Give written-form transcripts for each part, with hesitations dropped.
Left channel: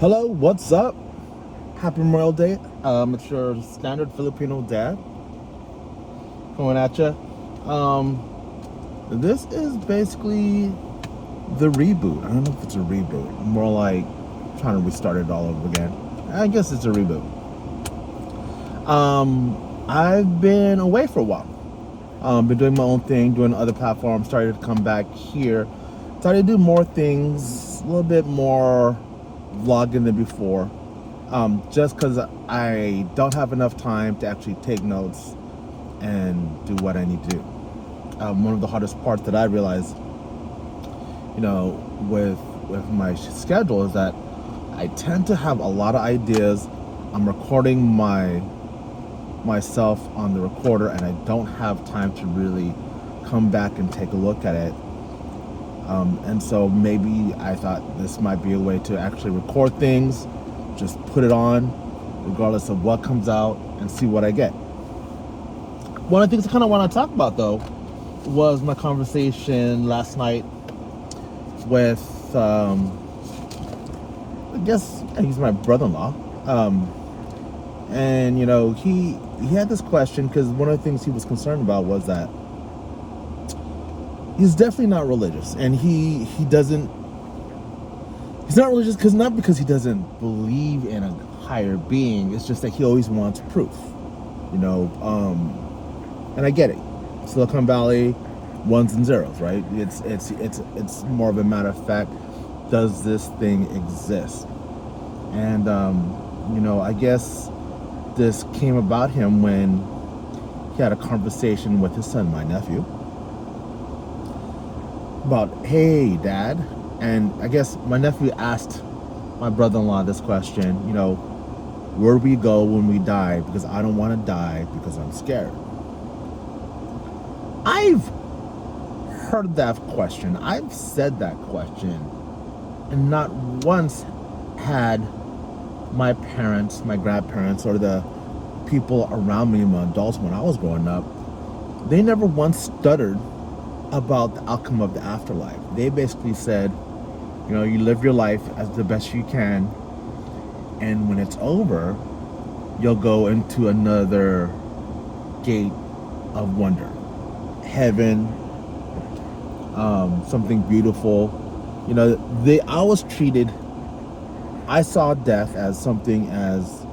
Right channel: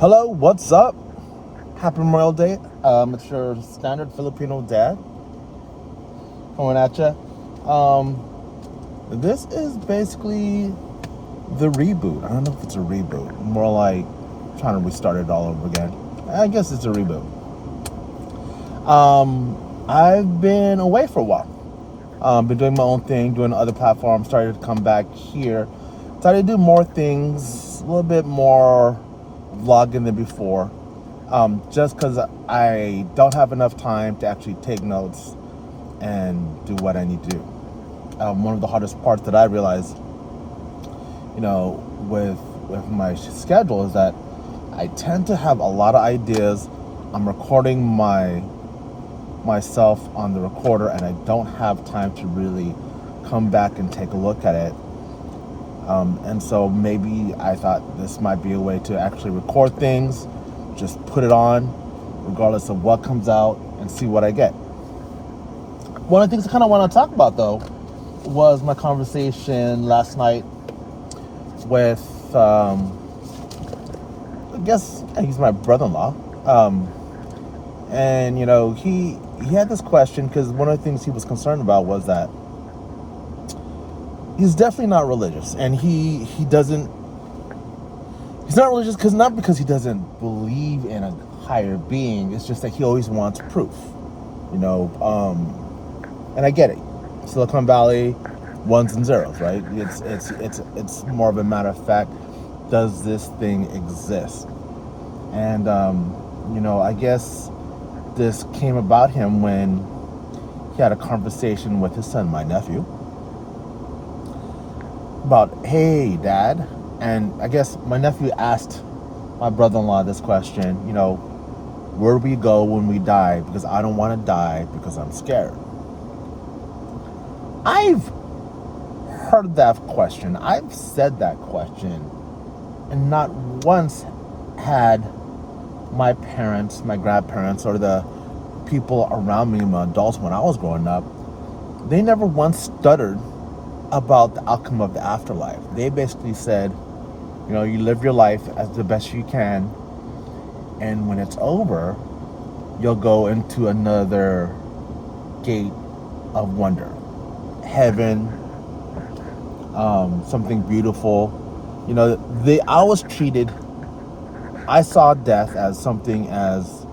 Hello, what's up? Happy Memorial Day. It's your standard Filipino dad coming at you. This is basically the reboot. I don't know if it's a reboot. More like trying to restart it all over again. I guess it's a reboot. I've been away for a while. Been doing my own thing, doing other platforms. Started to come back here. Started to do more things, a little bit more vlogging than before. Just because I don't have enough time to actually take notes and do what I need to do. One of the hardest parts that I realized, with my schedule is that I tend to have a lot of ideas. I'm recording myself on the recorder, and I don't have time to really come back and take a look at it. And so maybe I thought this might be a way to actually record things, just put it on, regardless of what comes out, and see what I get. One of the things I kind of want to talk about, though, was my conversation last night with, I guess he's my brother-in-law. And, he had this question, because one of the things he was concerned about was that he's definitely not religious, and he's not religious not because he doesn't believe in a higher being. It's just that he always wants proof, and I get it. Silicon Valley, ones and zeros, right? It's more of a matter of fact, does this thing exist? And I guess this came about him when he had a conversation with his son, my nephew, about, hey, Dad. And I guess my nephew asked my brother-in-law this question, where do we go when we die? Because I don't want to die because I'm scared. I've heard that question. I've said that question, and not once had my parents, my grandparents, or the people around me, my adults when I was growing up, they never once stuttered about the outcome of the afterlife. They basically said, you live your life as the best you can, and when it's over, you'll go into another gate of wonder, heaven, something beautiful. I saw death as something as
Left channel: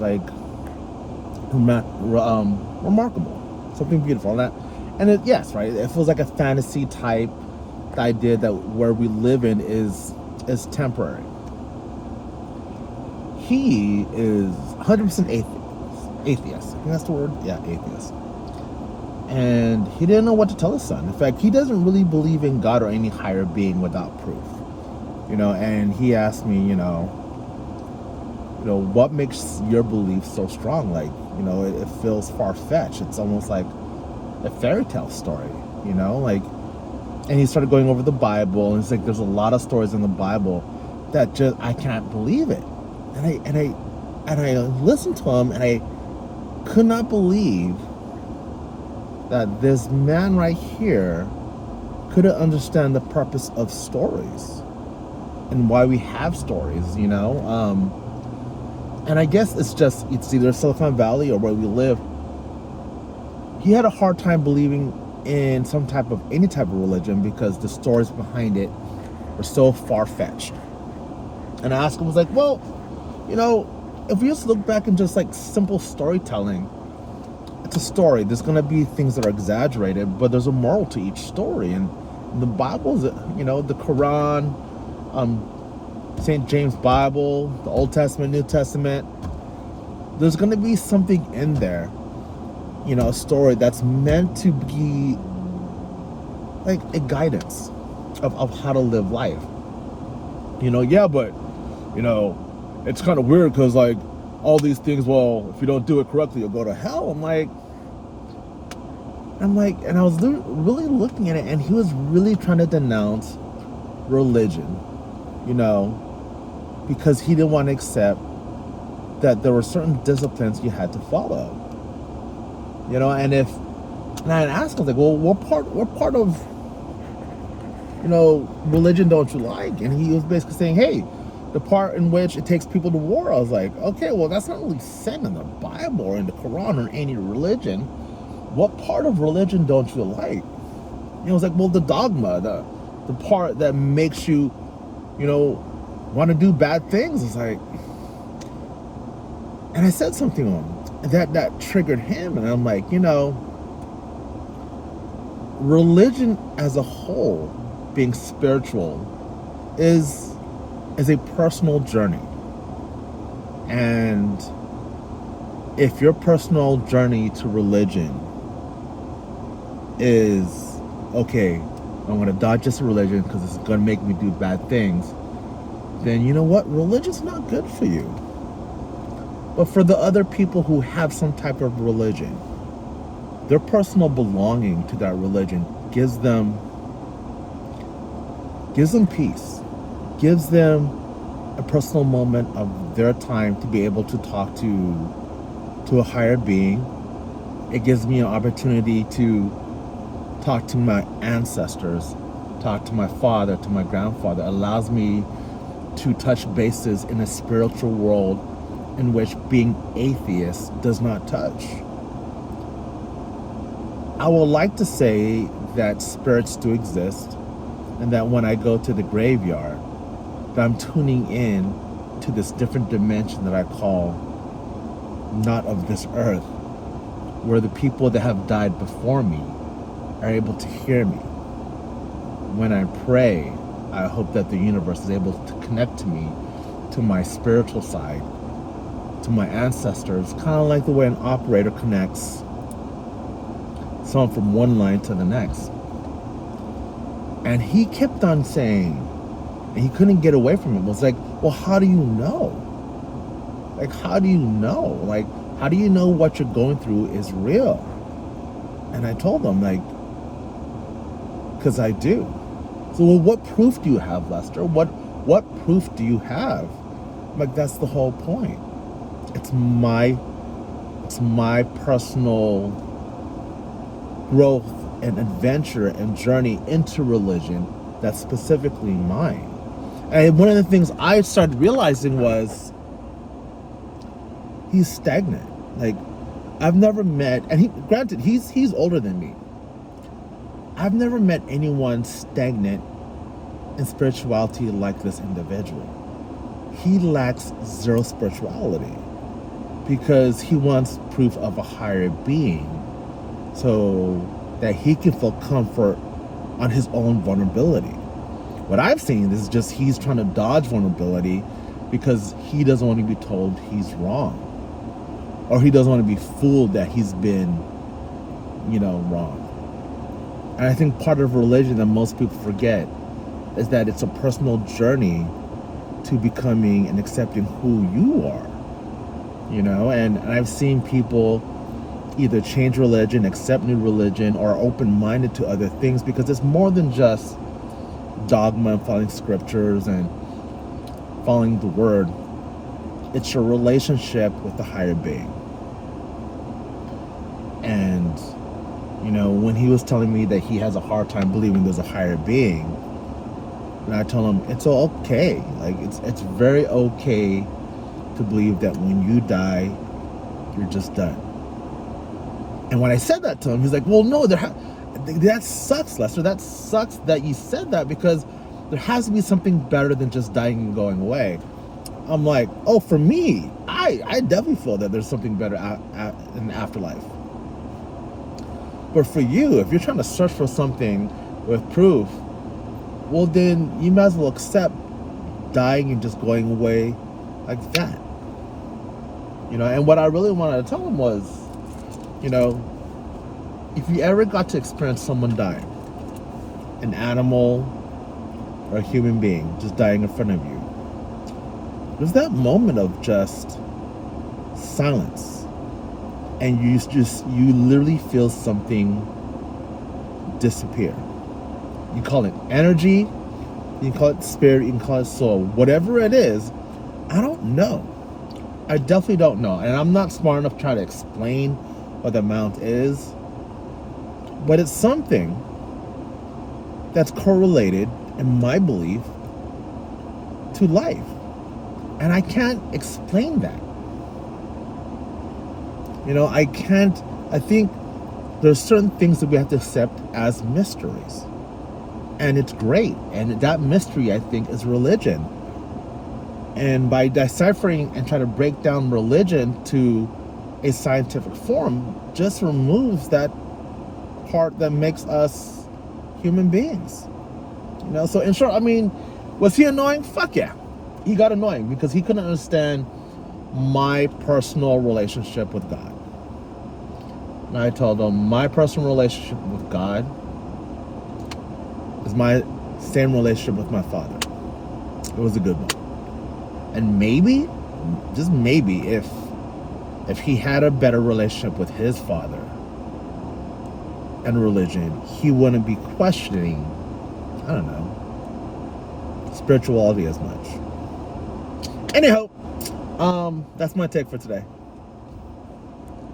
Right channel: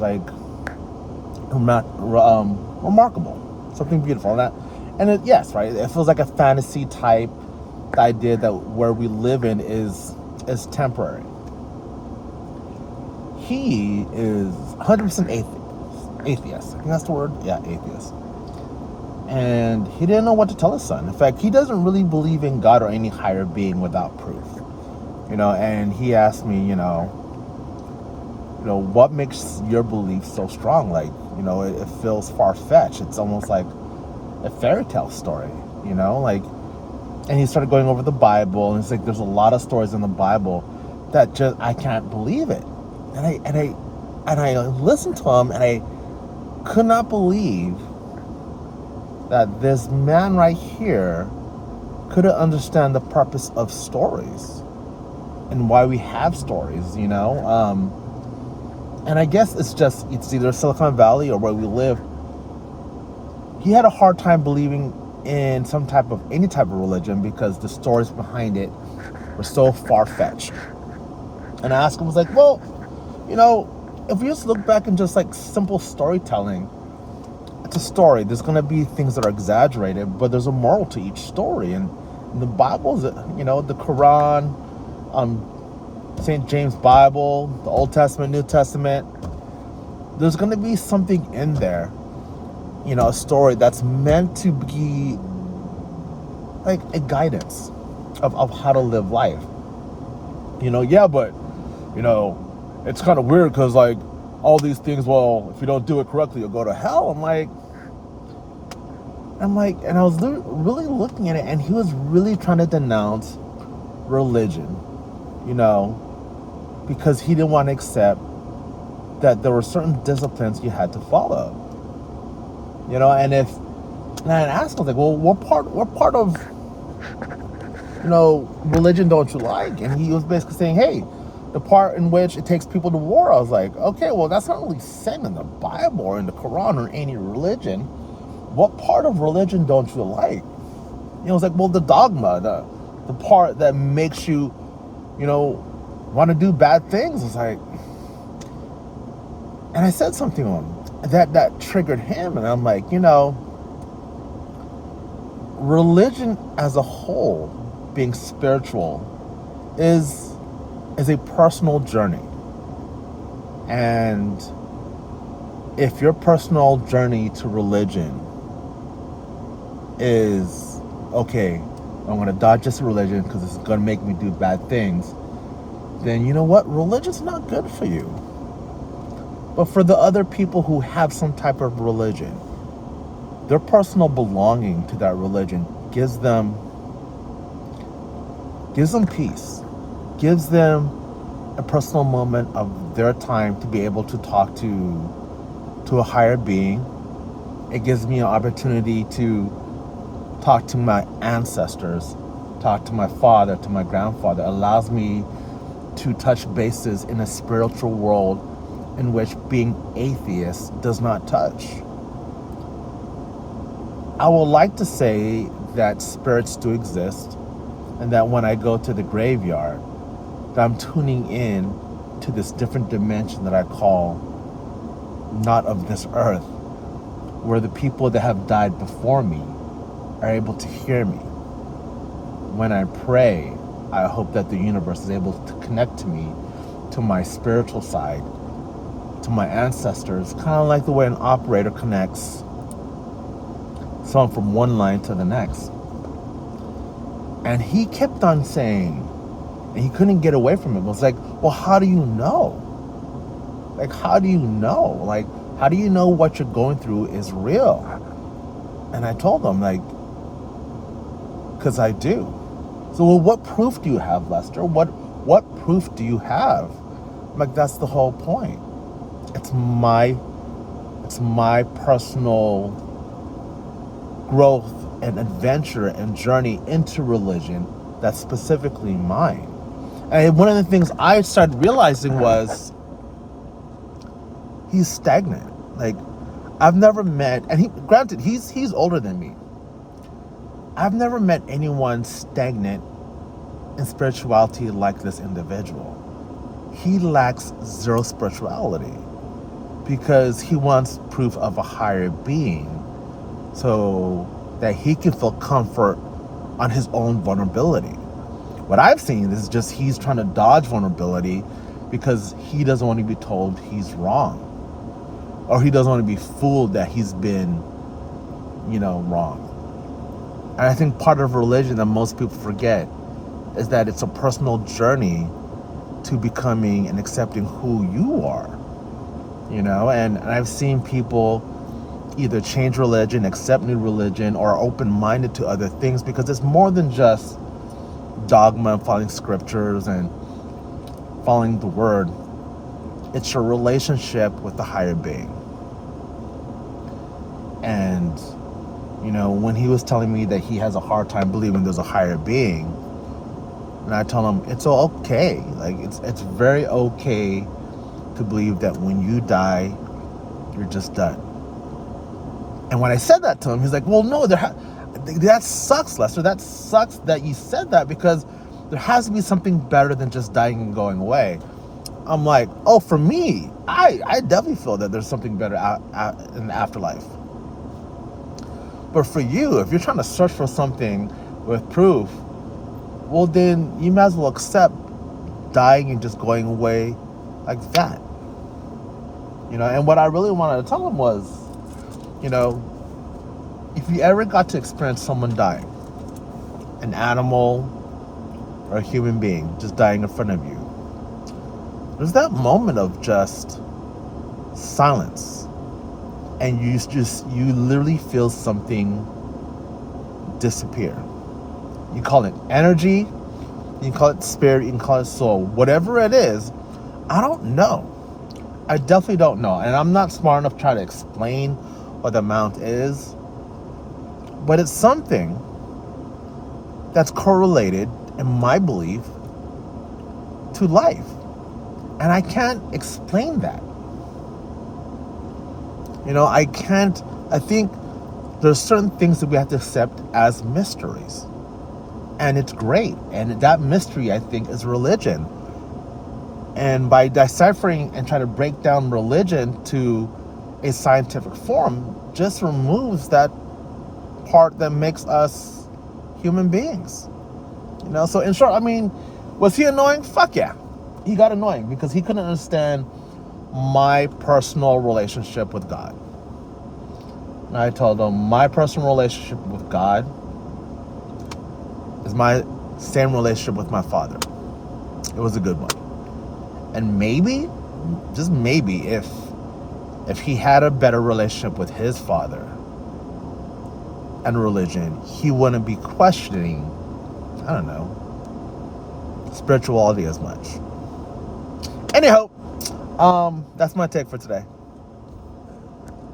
like remarkable, something beautiful, and yes, right. It feels like a fantasy type idea that where we live in is temporary. He is 100% atheist. I think that's the word. Yeah, atheist. And he didn't know what to tell his son. In fact, he doesn't really believe in God or any higher being without proof. And he asked me, what makes your belief so strong? Like, it feels far-fetched. It's almost like a fairy tale story, and he started going over the Bible, and it's like there's a lot of stories in the Bible that just I can't believe it. And I listened to him, and I could not believe that this man right here couldn't understand the purpose of stories and why we have stories, And I guess it's either Silicon Valley or where we live. He had a hard time believing in any type of religion because the stories behind it were so far-fetched. And I asked him, I was like, well, if we just look back and just like simple storytelling, it's a story. There's going to be things that are exaggerated, but there's a moral to each story. And the Bible's, the Quran, St. James Bible, the Old Testament, New Testament, there's going to be something in there, a story that's meant to be like a guidance of how to live life. Yeah, but, it's kind of weird because like all these things, well, if you don't do it correctly, you'll go to hell. And I was really looking at it, and he was really trying to denounce religion, because he didn't want to accept that there were certain disciplines you had to follow. And I asked him, like, well, what part of religion don't you like? And he was basically saying, hey, the part in which it takes people to war. I was like, okay, well, that's not really said in the Bible or in the Quran or any religion. What part of religion don't you like? It was like, well, the dogma, the part that makes you, want to do bad things. It's like, and I said something to him that triggered him, and I'm like, religion as a whole, being spiritual, is a personal journey. And if your personal journey to religion is, okay, I'm going to dodge this religion because it's going to make me do bad things, then you know what? Religion's not good for you. But for the other people who have some type of religion, their personal belonging to that religion gives them peace, gives them a personal moment of their time to be able to talk to a higher being. It gives me an opportunity to talk to my ancestors, talk to my father, to my grandfather. It allows me to touch bases in a spiritual world in which being atheist does not touch. I would like to say that spirits do exist, and that when I go to the graveyard, that I'm tuning in to this different dimension that I call not of this earth, where the people that have died before me are able to hear me. When I pray, I hope that the universe is able to connect to me, to my spiritual side, to my ancestors, kind of like the way an operator connects someone from one line to the next. And he kept on saying, and he couldn't get away from it. It was like, well, how do you know? Like, how do you know? Like, how do you know what you're going through is real? And I told him, like, because I do. So, well, what proof do you have, Lester? What proof do you have? I'm like, that's the whole point. It's my personal growth and adventure and journey into religion that's specifically mine. And one of the things I started realizing was he's stagnant. Like, I've never met, and granted, he's older than me. I've never met anyone stagnant in spirituality like this individual. He lacks zero spirituality because he wants proof of a higher being so that he can feel comfort on his own vulnerability. What I've seen is just he's trying to dodge vulnerability because he doesn't want to be told he's wrong, or he doesn't want to be fooled that he's been, wrong. And I think part of religion that most people forget is that it's a personal journey to becoming and accepting who you are, and I've seen people either change religion, accept new religion, or are open-minded to other things because it's more than just dogma and following scriptures and following the word. It's your relationship with the higher being. And, when he was telling me that he has a hard time believing there's a higher being, and I told him it's okay. Like, it's very okay to believe that when you die, you're just done. And when I said that to him, he's like, well, no, that sucks, Lester. That sucks that you said that because there has to be something better than just dying and going away. I'm like, oh, for me, I definitely feel that there's something better in the afterlife. But for you, if you're trying to search for something with proof, well, then you might as well accept dying and just going away like that. And what I really wanted to tell him was, if you ever got to experience someone dying, an animal or a human being just dying in front of you, there's that moment of just silence, and you literally feel something disappear. You call it energy, you can call it spirit, you can call it soul, whatever it is. I don't know. I definitely don't know, and I'm not smart enough to try to explain what the amount is, but it's something that's correlated, in my belief, to life. And I can't explain that. I can't. I think there's certain things that we have to accept as mysteries. And it's great. And that mystery, I think, is religion. And by deciphering and trying to break down religion to a scientific form, just removes that part that makes us human beings. So in short, was he annoying? Fuck yeah. He got annoying because he couldn't understand my personal relationship with God. And I told him my personal relationship with God is my same relationship with my father. It was a good one. And maybe, just maybe, if he had a better relationship with his father and religion, he wouldn't be questioning, I don't know, spirituality as much. Anyhow, that's my take for today.